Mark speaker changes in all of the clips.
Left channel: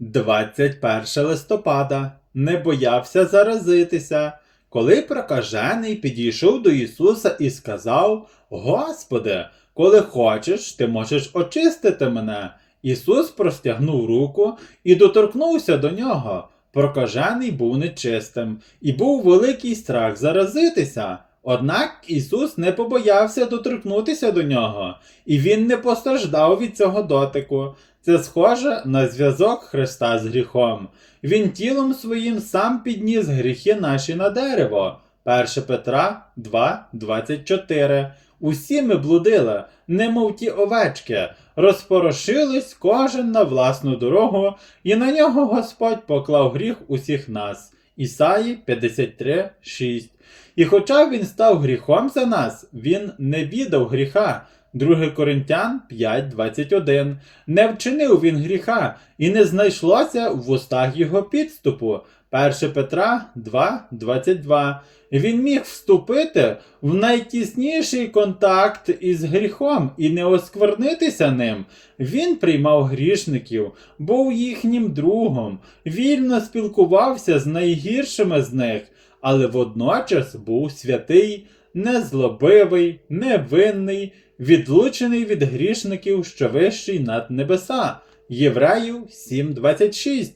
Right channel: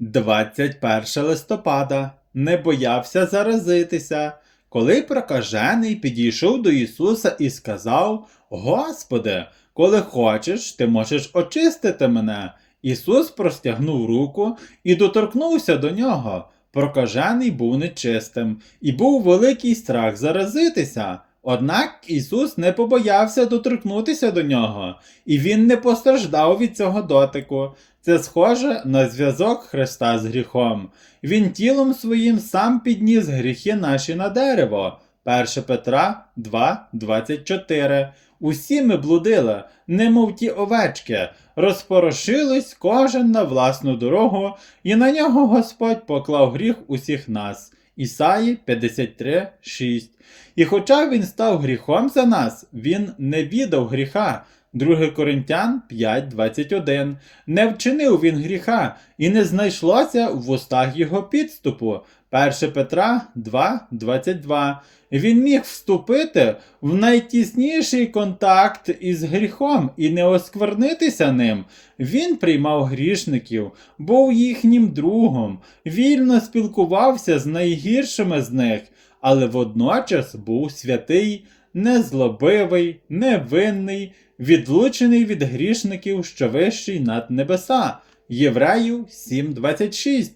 Speaker 1: 21 листопада не боявся заразитися, коли прокажений підійшов до Ісуса і сказав: Господи, коли хочеш, ти можеш очистити мене. Ісус простягнув руку і доторкнувся до нього. Прокажений був нечистим, і був великий страх заразитися. Однак Ісус не побоявся доторкнутися до нього, і Він не постраждав від цього дотику. Це схоже на зв'язок Христа з гріхом. Він тілом своїм сам підніс гріхи наші на дерево. 1 Петра 2,24. Усі ми блудили, немов ті овечки, розпорошились кожен на власну дорогу, і на нього Господь поклав гріх усіх нас. Ісаї 53,6. І хоча він став гріхом за нас, він не віддав гріха. 2 Коринтян 5.21. Не вчинив він гріха, і не знайшлося в устах його підступу. 1 Петра 2.22. Він міг вступити в найтісніший контакт із гріхом і не осквернитися ним. Він приймав грішників, був їхнім другом, вільно спілкувався з найгіршими з них, але водночас був святий, незлобивий, невинний, відлучений від грішників, що вищий над небеса. Євреїв 7.26.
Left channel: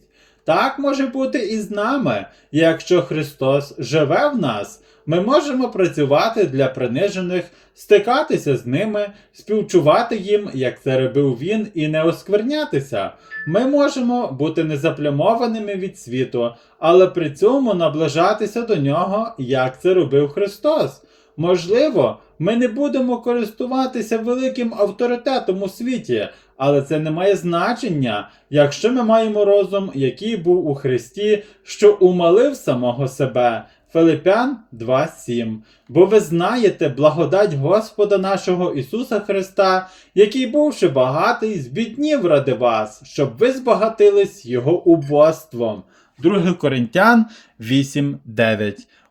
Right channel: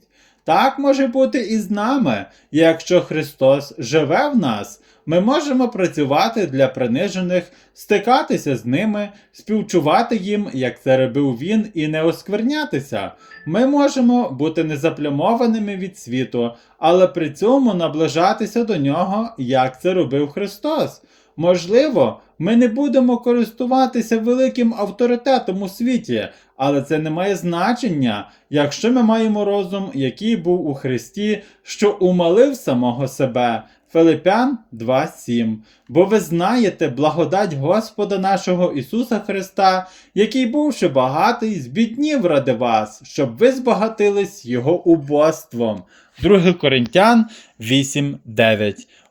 Speaker 1: Так може бути і з нами. Якщо Христос живе в нас, ми можемо працювати для принижених, стикатися з ними, співчувати їм, як це робив він, і не осквернятися. Ми можемо бути незаплямованими від світу, але при цьому наближатися до нього, як це робив Христос. Можливо, ми не будемо користуватися великим авторитетом у світі, але це не має значення, якщо ми маємо розум, який був у Христі, що умалив самого себе. Филипян 2.7. Бо ви знаєте благодать Господа нашого Ісуса Христа, який, бувши багатий, збіднів ради вас, щоб ви збагатились Його убоством. 2 Коринтян 8.9.